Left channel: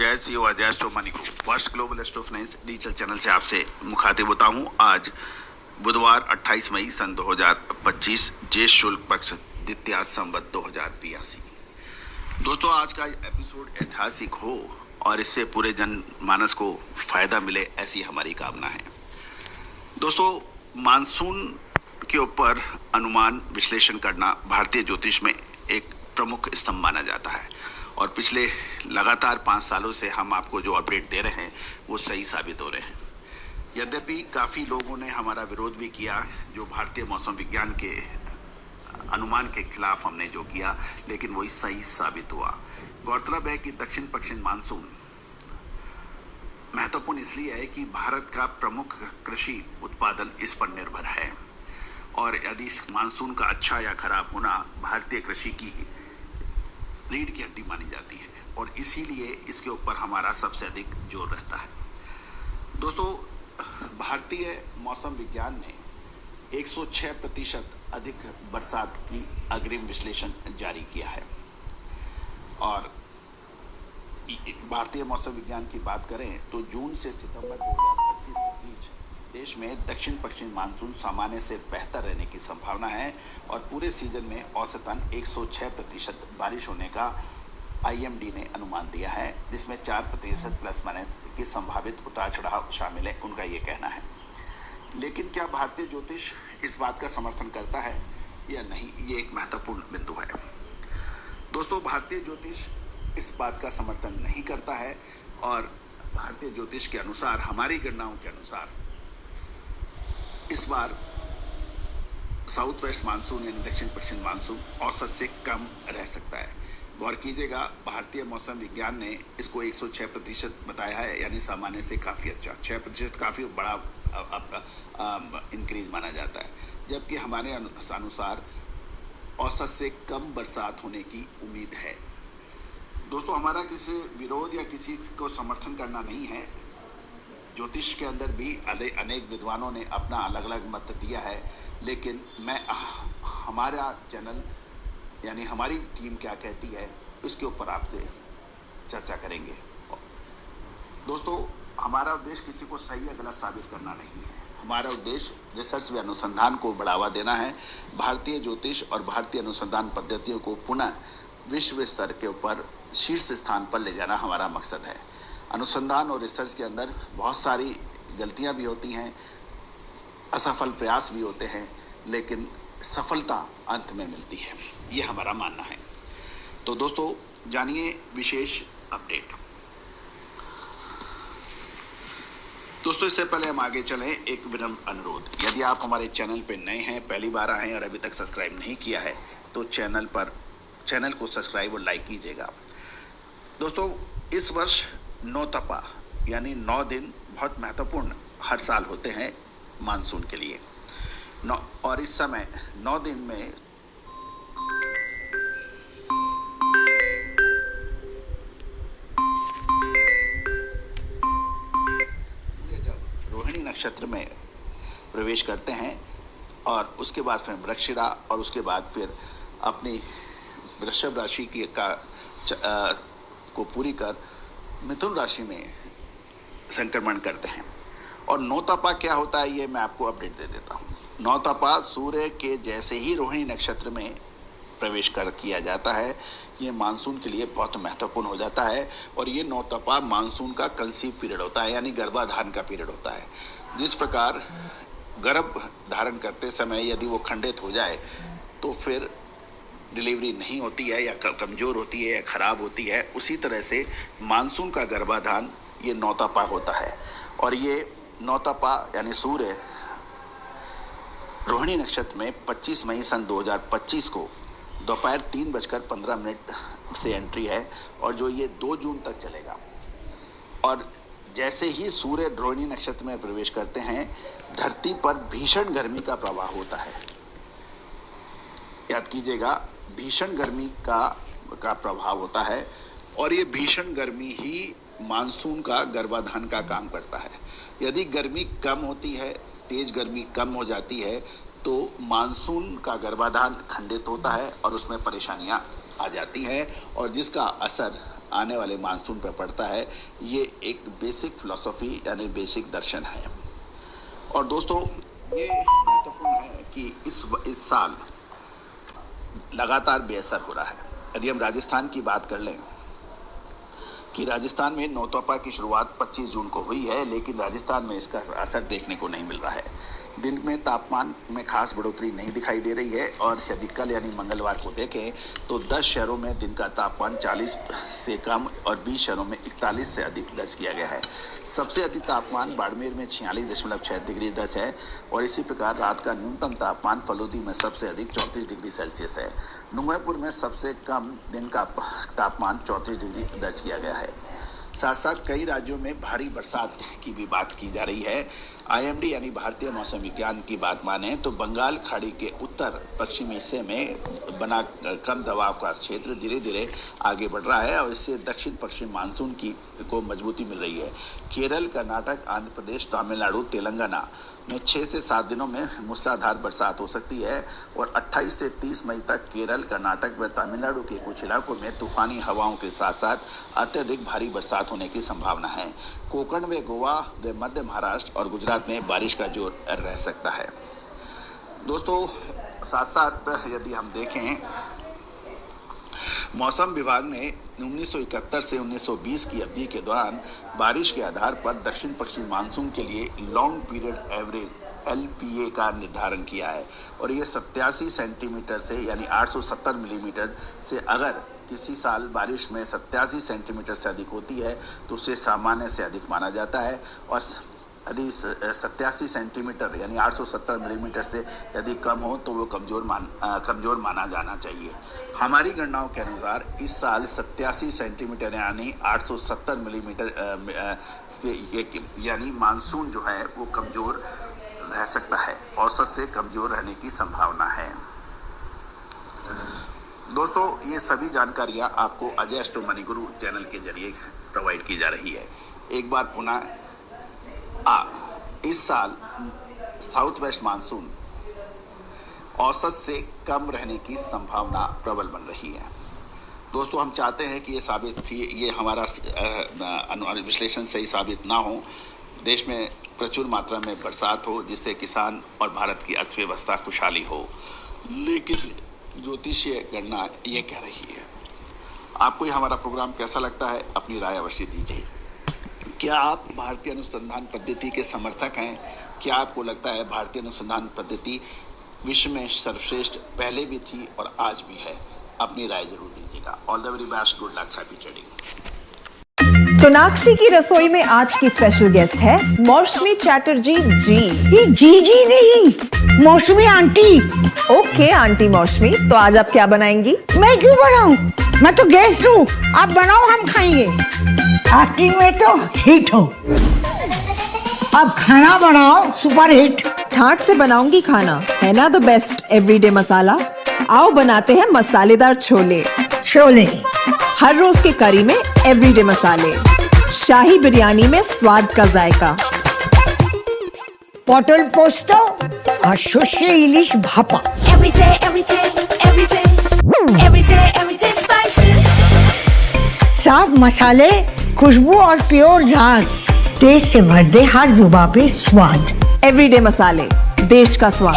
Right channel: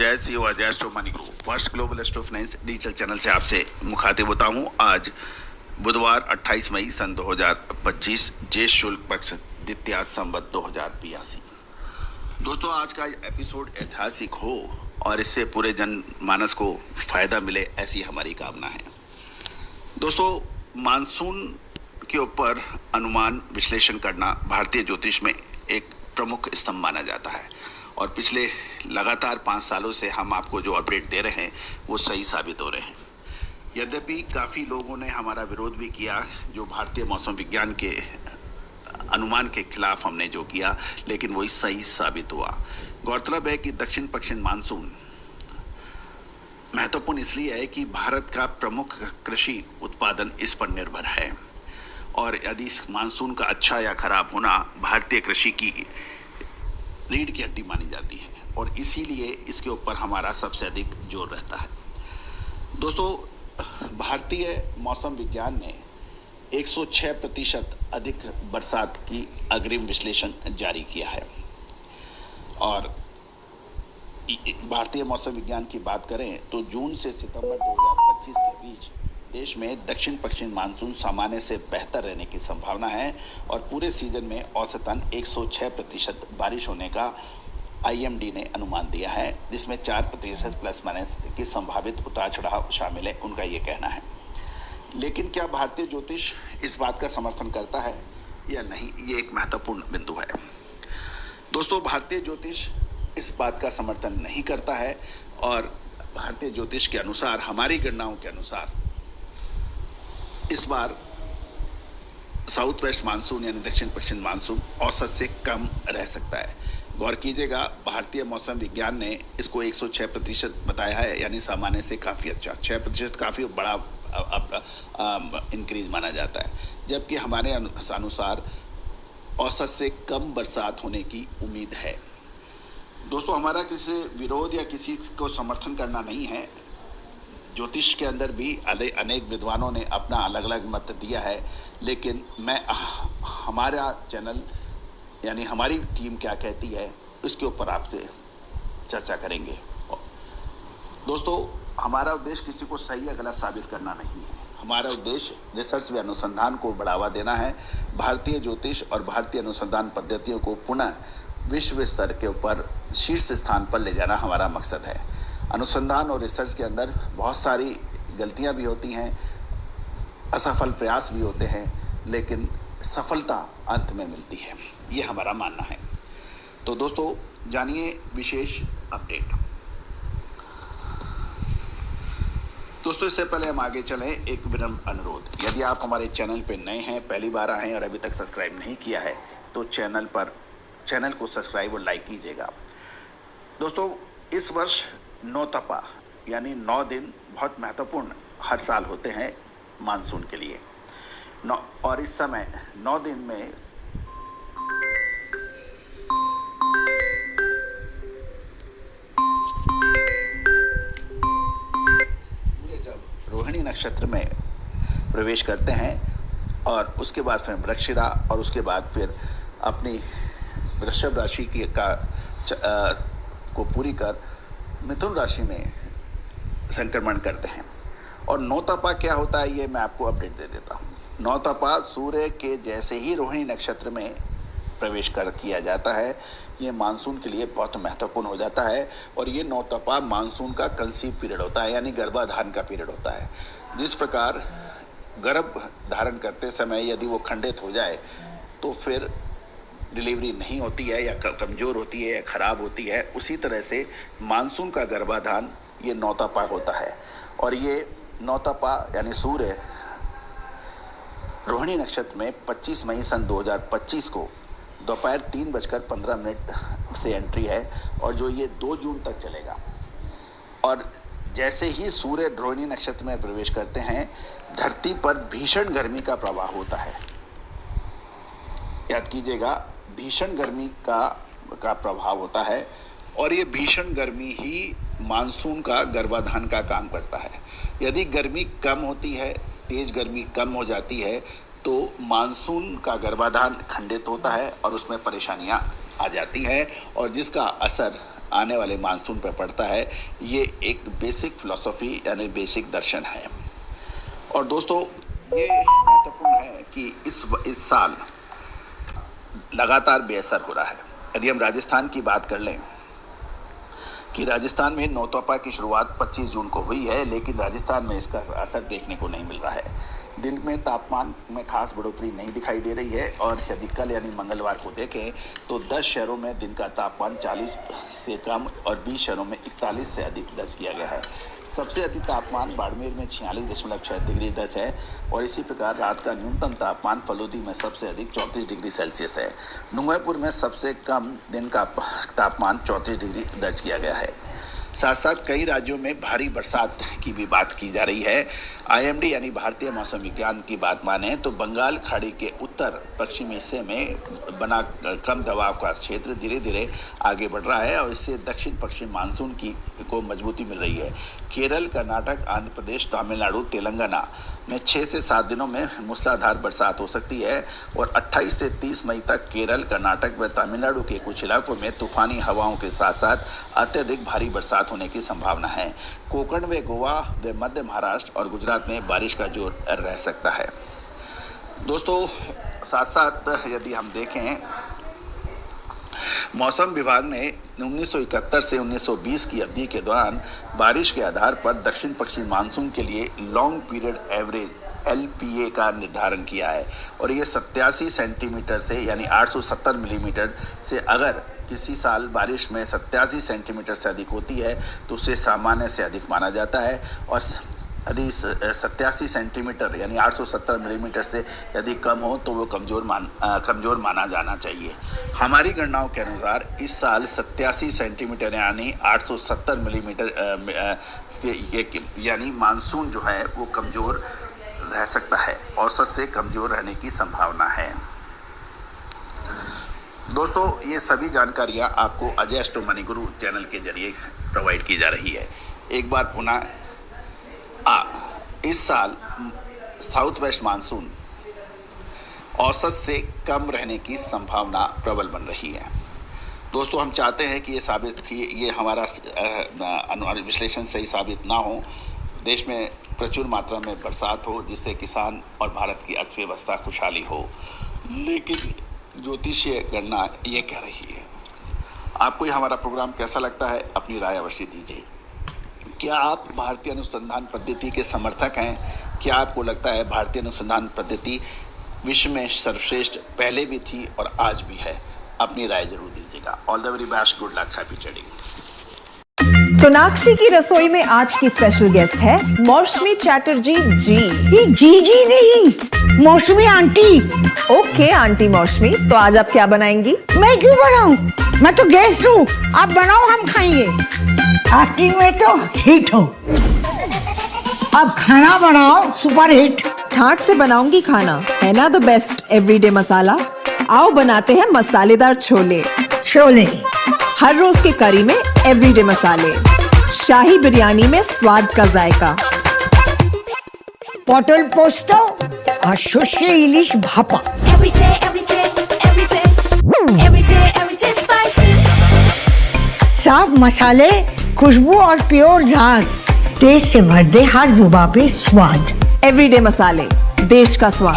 अजय सी और अजय स्टोमानी को first global astro finance digital channel से आपसे मुखातिब होता हूं। आज बुधवार 28 मई सन 2025 ज्येष्ठ शुक्ल पक्ष द्वितीया संवत 2082। दोस्तों, आज का एपिसोड ऐतिहासिक हो और इससे पूरे जनमानस को फायदा मिले, ऐसी हमारी कामना है। दोस्तों, मानसून के ऊपर अनुमान विश्लेषण करना भारतीय ज्योतिष में एक प्रमुख स्तंभ माना जाता है और पिछले लगातार 5 सालों से हम आपको जो अपडेट दे रहे हैं वो सही साबित हो रहे हैं। यद्यपि काफ़ी लोगों ने हमारा विरोध भी किया, जो भारतीय मौसम विज्ञान के अनुमान के खिलाफ हमने जो किया, लेकिन वही सही साबित हुआ। गौरतलब है कि दक्षिण पश्चिम मानसून महत्वपूर्ण इसलिए है कि भारत का प्रमुख कृषि उत्पादन इस पर निर्भर है और यदि इस मानसून का अच्छा या खराब होना भारतीय कृषि की रीढ़ की हड्डी मानी जाती है और इसीलिए इसके ऊपर हमारा सबसे अधिक जोर रहता है। दोस्तों, भारतीय मौसम विज्ञान ने 106% अधिक बरसात की अग्रिम विश्लेषण जारी किया है और भारतीय मौसम विज्ञान की बात करें तो जून से सितंबर 2025 के बीच देश में दक्षिण पश्चिम मानसून सामान्य से बेहतर रहने की संभावना है और पूरे सीजन में औसतन 106% बारिश होने का IMD ने अनुमान दिया है, जिसमें 4% प्लस माइनस की संभावित उतार चढ़ाव शामिल है, उनका ये कहना है। लेकिन क्या भारतीय ज्योतिष इस बात का समर्थन करता है या नहीं, ये एक महत्वपूर्ण बिंदु है। दोस्तों, भारतीय ज्योतिष इस बात का समर्थन नहीं करता है और भारतीय ज्योतिष के अनुसार, हमारी गणनाओं के अनुसार, इस बार साउथ वेस्ट मानसून यानी दक्षिण पश्चिम मानसून औसत से कम रह सकता है। गौर कीजिएगा, भारतीय मौसम विज्ञान ने इसको 106% बताया है, यानी सामान्य से काफ़ी अच्छा। 6% काफ़ी बड़ा इंक्रीज माना जाता है, जबकि हमारे अनुसार औसत से कम बरसात होने की उम्मीद है। दोस्तों, हमारा किसी विरोध या किसी को समर्थन करना नहीं है। ज्योतिष के अंदर भी अनेक विद्वानों ने अपना अलग अलग मत दिया है, लेकिन हमारा चैनल यानी हमारी टीम क्या कहती है इसके ऊपर आपसे चर्चा करेंगे। दोस्तों, हमारा उद्देश्य किसी को सही या गलत साबित करना नहीं है। हमारा उद्देश्य रिसर्च व अनुसंधान को बढ़ावा देना है। भारतीय ज्योतिष और भारतीय अनुसंधान पद्धतियों को पुनः विश्व स्तर के ऊपर शीर्ष स्थान पर ले जाना हमारा मकसद है। अनुसंधान और रिसर्च के अंदर बहुत सारी गलतियां भी होती हैं, असफल प्रयास भी होते हैं, लेकिन सफलता अंत में मिलती है, ये हमारा मानना है। तो दोस्तों, जानिए विशेष अपडेट। दोस्तों, इससे पहले हम आगे चलें, एक विनम्र अनुरोध। यदि आप हमारे चैनल पर नए हैं, पहली बार आए हैं और अभी तक सब्सक्राइब नहीं किया है, तो चैनल को सब्सक्राइब और लाइक कीजिएगा। दोस्तों, इस वर्ष 9 तपा यानी 9 दिन बहुत महत्वपूर्ण हर साल होते हैं मानसून के लिए। और इस समय 9 दिन में जब रोहिणी नक्षत्र में प्रवेश करते हैं और उसके बाद फिर मृगशिरा और उसके बाद फिर अपनी वृषभ राशि की को पूरी कर मिथुन राशि में संक्रमण करते हैं। और 9 तपा क्या होता है, ये मैं आपको अपडेट दे देता हूँ। 9 तपा सूर्य के जैसे ही रोहिणी नक्षत्र में प्रवेश किया जाता है, ये मानसून के लिए बहुत महत्वपूर्ण हो जाता है। और ये 9 तपा मानसून का कंसीव पीरियड होता है, यानी गर्भाधारण का पीरियड होता है। जिस प्रकार गर्भ धारण करते समय यदि वो खंडित हो जाए तो फिर डिलीवरी नहीं होती है या कमज़ोर होती है या ख़राब होती है, उसी तरह से मानसून का गर्भाधान ये 9 तपा होता है। और ये 9 तपा यानी सूर्य रोहिणी नक्षत्र में 25 मई सन 2025 को दोपहर 3:15 से एंट्री है और जो ये 2 जून तक चलेगा। और जैसे ही सूर्य रोहिणी नक्षत्र में प्रवेश करते हैं, धरती पर भीषण गर्मी का प्रवाह होता है। याद कीजिएगा, भीषण गर्मी का प्रभाव होता है और ये भीषण गर्मी ही मानसून का गर्भाधान का काम करता है। यदि गर्मी कम होती है, तेज गर्मी कम हो जाती है, तो मानसून का गर्भाधान खंडित होता है और उसमें परेशानियां आ जाती हैं और जिसका असर आने वाले मानसून पर पड़ता है। ये एक बेसिक फिलॉसफी यानी बेसिक दर्शन है। और दोस्तों ये महत्वपूर्ण है कि इस साल लगातार बेअसर हो रहा है। यदि हम राजस्थान की बात कर लें कि राजस्थान में नौतपा की शुरुआत 25 जून को हुई है, लेकिन राजस्थान में इसका असर देखने को नहीं मिल रहा है। दिन में तापमान में खास बढ़ोतरी नहीं दिखाई दे रही है और यदि कल यानी मंगलवार को देखें तो 10 शहरों में दिन का तापमान 40 से कम और 20 शहरों में 41 से अधिक दर्ज किया गया है। सबसे अधिक तापमान बाड़मेर में 46.6 डिग्री दर्ज है और इसी प्रकार रात का न्यूनतम तापमान फलोदी में सबसे अधिक 34 डिग्री सेल्सियस है। डूंगरपुर में सबसे कम दिन का तापमान 34 डिग्री दर्ज किया गया है। साथ साथ कई राज्यों में भारी बरसात की भी बात की जा रही है। आईएमडी यानी भारतीय मौसम विज्ञान की बात माने तो बंगाल खाड़ी के उत्तर पश्चिमी हिस्से में बना कम दबाव का क्षेत्र धीरे धीरे आगे बढ़ रहा है और इससे दक्षिण पश्चिम मानसून को मजबूती मिल रही है। केरल, कर्नाटक, आंध्र प्रदेश, तमिलनाडु, तेलंगाना में 6 से 7 दिनों में मूसलाधार बरसात हो सकती है और 28 से 30 मई तक केरल, कर्नाटक व तमिलनाडु के कुछ इलाकों में तूफानी हवाओं के साथ साथ अत्यधिक भारी बरसात होने की संभावना है। कोंकण व गोवा व मध्य महाराष्ट्र और गुजरात में बारिश का जोर रह सकता है। दोस्तों साथ साथ यदि हम देखें, मौसम विभाग ने 1971 से 1920 की अवधि के दौरान बारिश के आधार पर दक्षिण पश्चिम मानसून के लिए लॉन्ग पीरियड एवरेज LPA का निर्धारण किया है और ये 87 सेंटीमीटर से यानी 870 मिलीमीटर से अगर किसी साल बारिश में 87 सेंटीमीटर से अधिक होती है तो उसे सामान्य से अधिक माना जाता है और यदि 87 सेंटीमीटर यानी 870 मिलीमीटर से यदि कम हो तो वो कमज़ोर माना जाना चाहिए। हमारी गणनाओं के अनुसार इस साल 87 सेंटीमीटर यानी 870 मिलीमीटर यानी मानसून जो है वो कमज़ोर रह सकता है, औसत से कमज़ोर रहने की संभावना है। दोस्तों ये सभी जानकारियाँ आपको अजय एस्ट्रो मनी गुरु चैनल के जरिए प्रोवाइड की जा रही है। एक बार पुनः इस साल साउथ वेस्ट मानसून औसत से कम रहने की संभावना प्रबल बन रही है। दोस्तों हम चाहते हैं कि ये हमारा विश्लेषण सही साबित ना हो, देश में प्रचुर मात्रा में बरसात हो जिससे किसान और भारत की अर्थव्यवस्था खुशहाली हो, लेकिन ज्योतिषीय गणना ये कह रही है। आपको ये हमारा प्रोग्राम कैसा लगता है, अपनी राय अवश्य दीजिए। क्या आप भारतीय अनुसंधान पद्धति के समर्थक हैं? क्या आपको लगता है भारतीय अनुसंधान पद्धति विश्व में सर्वश्रेष्ठ पहले भी थी और आज भी है? अपनी राय जरूर दीजिएगा। All the very best, good luck, happy trading. Sonakshi की रसोई में आज की स्पेशल गेस्ट है मौसमी चैटर्जी जी। ये जी नहीं, मौसमी आंटी। ओके आंटी मौसमी, तो आज आप क्या बनाएंगी? मैं क्यों बनाऊं? मैं तो गेस्ट हूँ, आप बनाओ, हम खाएंगे। एक्टिंग में तो हिट हो, अब खाना बनाओ सुपर हिट। ठाट से बनाऊंगी खाना, है ना द बेस्ट एवरीडे मसाला। आओ बनाते हैं मसालेदार छोले। हर रोज के करी में एवरीडे मसाले, शाही बिरयानी में स्वाद का जायका। पटल पोस्तो और शुष्य इलिश भापा। साफ मसाले, खुशबू और प्योर झांझ, टेस्ट से भर दे हर जुबान पे स्वाद। एवरीडे मसाले, देश का स्वाद।